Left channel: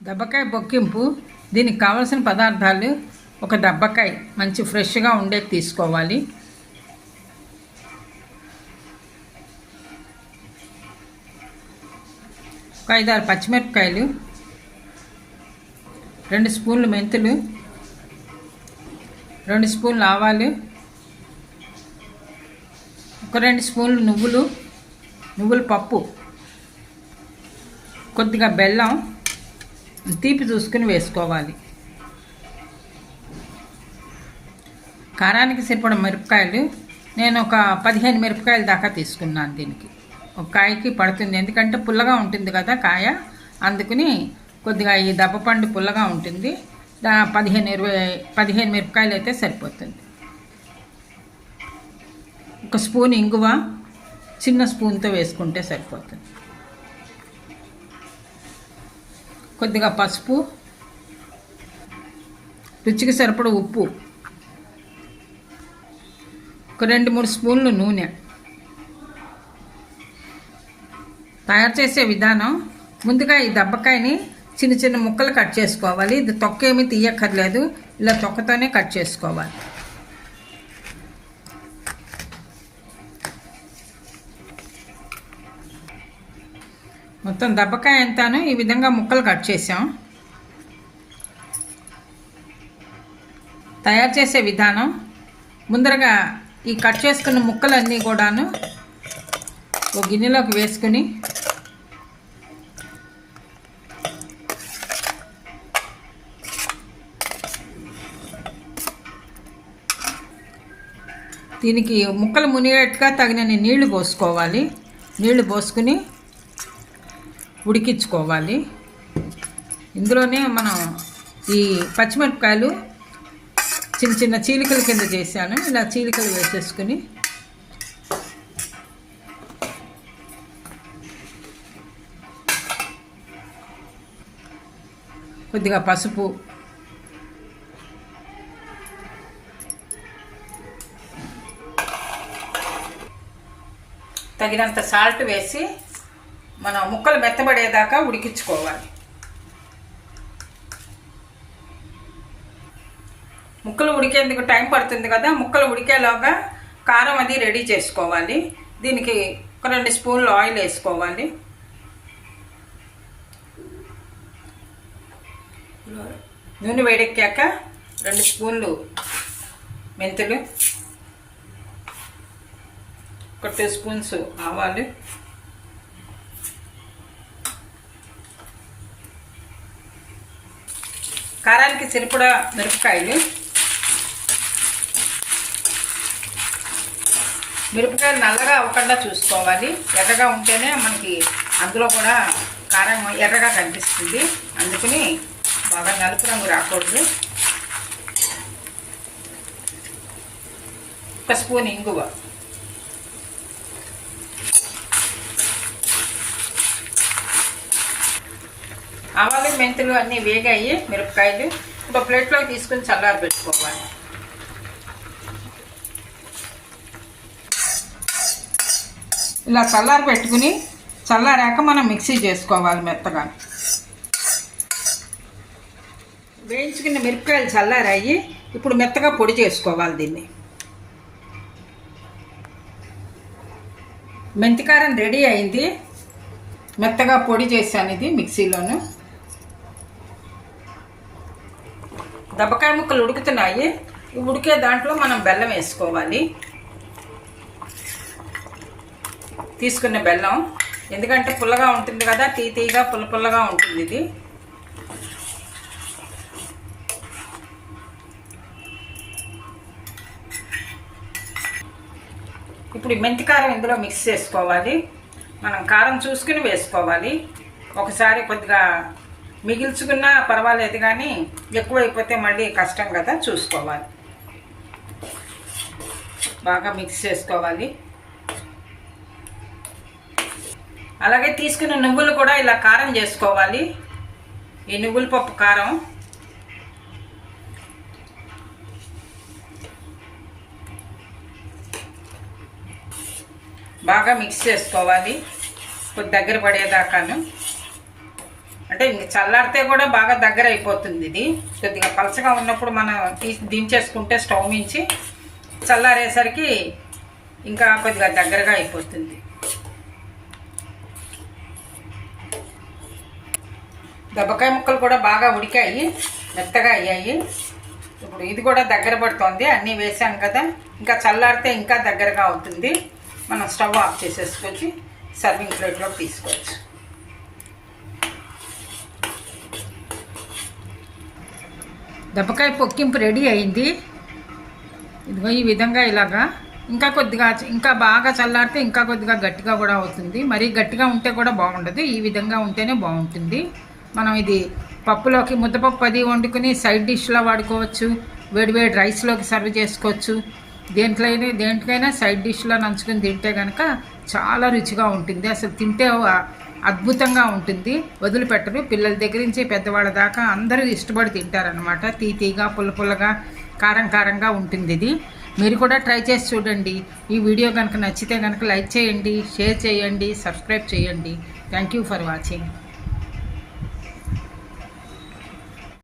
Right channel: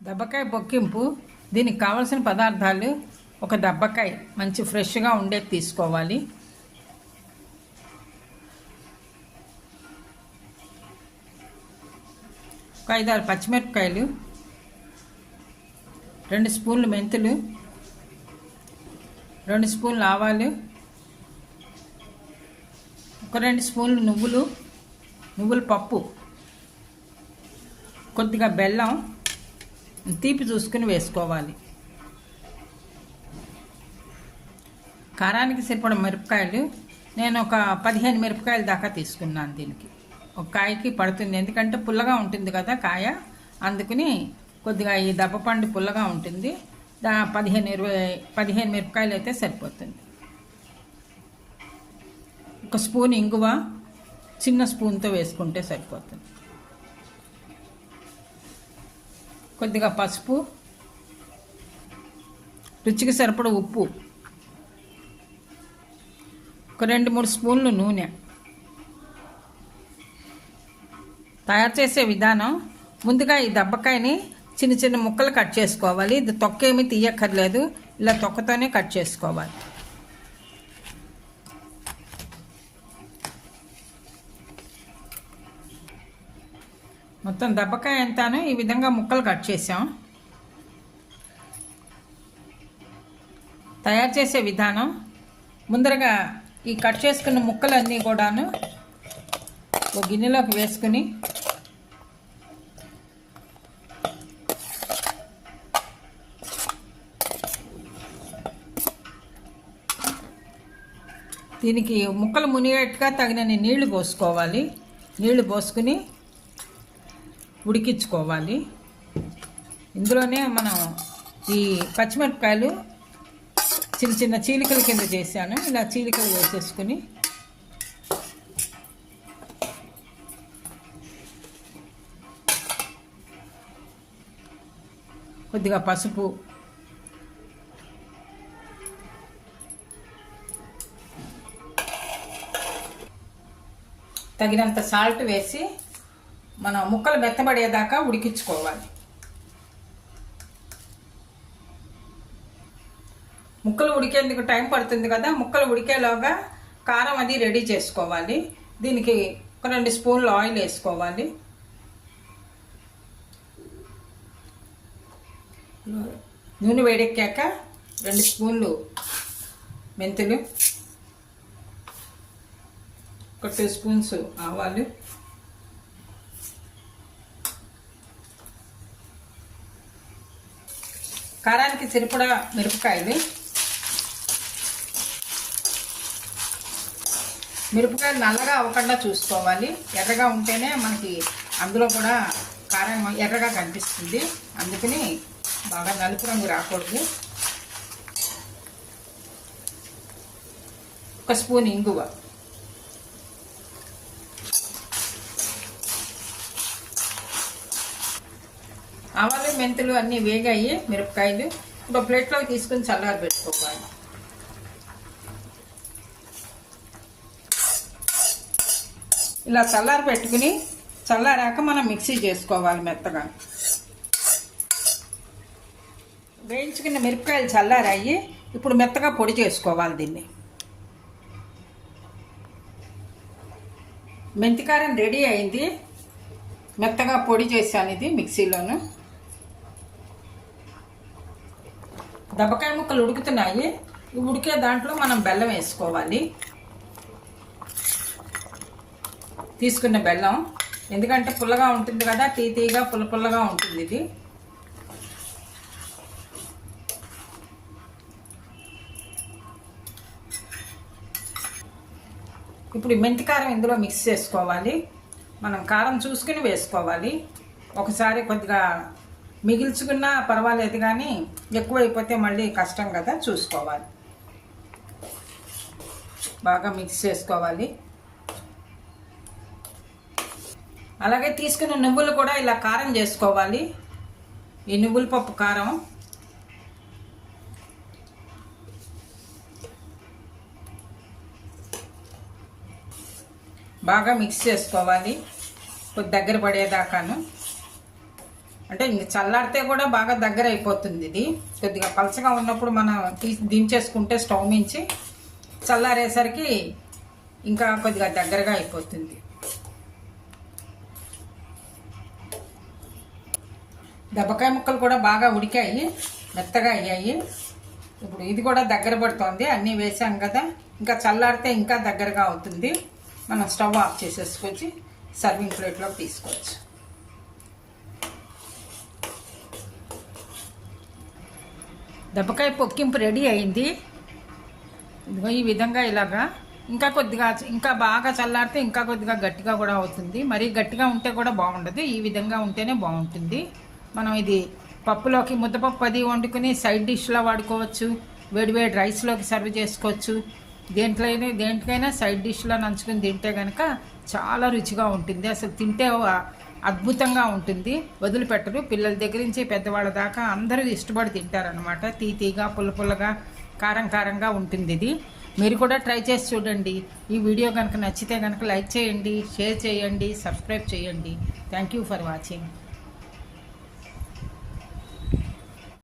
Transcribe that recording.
దబ్బకాయ బొక్కింపు దీనికి కావలసిన పదార్థాలు ఒక దబ్బకాయ మంచి ఫ్రెష్గా ఉండేది తీసుకోవాలి. ఒక ఐదారు పచ్చిమిరపకాయలు రెండు స్పూన్లు మెంతులు రెండు స్పూన్లు ఆవాలు ఒక రెండు స్పూన్లు నువ్వులు నువ్వుల పప్పు కొద్దిగా బెల్లం తీపి చూసుకుని వేసుకోవాలి. కారానికి సరిపడ మిరపకాయలు నేను ఒక పదిహేను మిరపకాయల దాకా తీసుకున్నాను దీనికి. ఒక కాయకి పడుతుంది. ఎందుకంటే పుల్లగా ఉంటుంది కదా కాయ. అందుకని కొద్దిగా ఈ దప్పపండు పుల్లగా ఉంటుంది. దా పదిహేను ఇరవై పదిహేను మిరపకాయలు అయితే సరిపోతుంది. ఒక స్పూన్ ఇంగువ చిన్న స్పూన్తో వేసుకుంటే సరిపోతుంది. కొద్దిగా పసుపు రుచికి సరిపడ ఉప్పు ఒక రెండు మూడు స్పూన్లు నూనె. తయారు చేసే విధానం ముందుగా ఈ దబ్బకాయని చిన్న చిన్న ముక్కలు కట్ చేసుకోవాలి. ఇది తొక్క ఏమీ తీయక్కర్లేదు. ఇలా తొక్కతోనే కట్ చేసుకోవాలి. మొత్తం దబ్బకాయ ఎంతను ఈ విధంగా ముక్కలు కట్ చేసాం తయారు చేసే విధానం ముందరగా ఈ కట్ చేసుకున్న ముక్కలన్నీ కూడాను ఒక గిన్నెలోకి వేసుకుని దీనికి ముక్కలు మునిగేట్టుగా తగినన్ని నీళ్ళు పోసుకోవాలి. నీళ్ళు పోసుకుని ఉడికించుకోవాలి. ఇందులోనే మనం ఈ పచ్చిమిరపకాయలు చిన్న చిన్న చీలికల కింద చేశాను. ఇలా చీలికలు వేసేసుకుని కొద్దిగా పసుపు తగినంత సాల్ట్ వేసి మనం ముక్కలు మెత్తబడేదాకా ఉడికించుకోవాలి. ముక్కలు ఉడికేందుకు టైం పడుతుంది కదా ముక్కలు ఉడికేలోగా కారం అది రెడీ చేసుకోవాలి. దీనికి ఒక రెండు స్పూన్లు ఆయిల్ వేసుకోవాలి. నూనె వేడెక్కాక రెండు స్పూన్లు మెంతులు ఒక టూ స్పూన్స్ ఆవాలు. కారానికి సరిపడా మిరపకాయలు. మిరపకాయలు నల్లగా అవ్వకుండా చూసుకోవాలి. ఎర్రగా ఉంటేనే మనకి అందులో కూడా కారం ఎర్రగా కనిపిస్తుంది. అందుకని బాగా నలుపు రంగు రాకూడదు. ఒక స్పూన్ ఇంగువ ఆవాలు మెంతులు అన్నీ వేగాయి మిరపకాయలు ఒక ప్లేట్లో తీసుకుని చల్లారి పెట్టుకోవాలి. ఇలా చల్లారి పెట్టుకుని చల్లారాక మనం మిక్సీ చేసుకోవాలి మెత్తగా. వేయించుకున్న మిరపకాయలు చల్లారాయి ఇప్పుడు మెత్తగా పొడి చేసుకోవాలి దీన్ని. మెంతికారం రెడీ అయింది. మెత్తగా పొడి చేశాను ఇది మిక్సీలోను. దబ్బకాయ ముక్కలు ఉడుకుతున్నాయి. ఈ ఉడికే దాంట్లో మనం బెల్లం వేసుకోవాలి. తీసుకున్న బెల్లం. ఎందుకంటే పుల్లగా ఉంటుంది కదా తీ తీగా పుల్ల పుల్లగా ఉంటుంది ఇది. ఇప్పుడు మెంతి కారం ఇందులో మిక్స్ చేసుకోవాలి. మనం కారం చూసుకుని వేసుకోవాలి. ఒకసారి కొద్దిగా మిగిల్చుకున్నా పర్వాలేదు కానీ ఎక్కువైపోతే మళ్ళీ కష్టం కదా చూసుకోవాలి. బాగా మిక్స్ చేసుకోవాలి. అలాగే తీసుకున్న నువ్వులు కూడా ఇలా కారం చేసుకోవాలి. ఈ నువ్వుల పప్పు కారం. బాగా మిక్స్ చేసుకోవాలి. కొద్ది దగ్గర పడేదాకాను. అంటే ఇంక చల్లారితే కూడా బాగా దగ్గర అయిపోతుంది ఇది. కొద్దిగా పలచగా ఉన్నప్పుడు మనం తీసి దించేసుకుంటే స్టవ్ మించి చల్లారేసరికి ఇంకా కొద్దిగా దగ్గరగా అయిపోతుంది. దెబ్బకాయ ముక్కలు కూడా బాగా ఉడికాయి మెత్తగా అయ్యాయి. ఇప్పుడు ఇది కూడా దగ్గర పడుతోంది అన్నీ వేసాం కదా. ఇంకా చల్లారితే ఇంకా దగ్గరగా అవుతుంది. మనం స్టవ్ ఆఫ్ చేసేసుకొచ్చి సర్వింగ్ ప్లేట్లోకి తీసుకోవచ్చు. దెబ్బకాయ పొక్కింపు రెడీ అయింది ఇదిగో ఈ విధంగా ఇలాగా. ఇంకా కొద్దిగా ఇంకా బాగా చల్లారితే ఇంకా కొద్దిగా గట్టిగా కూడా అవుతుంది. మరీ గట్టిగా ఉంటే కూడా బాగుండదు. ఈ విధంగా ఉంటేనే బాగుంటుంది. మనం ఇది పప్పులోకి ముద్దపప్పు అది వండుకుని సైడ్ డిష్లా వాడుకోవచ్చు. వేడివేడి రైస్లోకి సర్వ్ చేసుకోవచ్చు. దేంట్లో దేంట్కైనా సైడ్ డిష్లో నంచుకుని తింటే కనుక చాలా రుచిగా ఉంటుంది. అసలు తింటే అద్భుతంగా ఉంటుంది. వదిలిపెట్టరు. పిల్లల దగ్గర నుంచి పెద్దవాళ్ళ దాకా అందరూ ఇష్టపడి తింటారనమాట తీతీగా పుల్ల పుల్లగా కారం కారంగా ఉంటుంది ఇది. మీరు కూడా ట్రై చేసి చూడండి. ఈ వీడియో కనుక నచ్చితే కనుక లైక్ చేయండి షేర్ చేయండి సబ్స్క్రైబ్ చేయండి. Thank you for watching.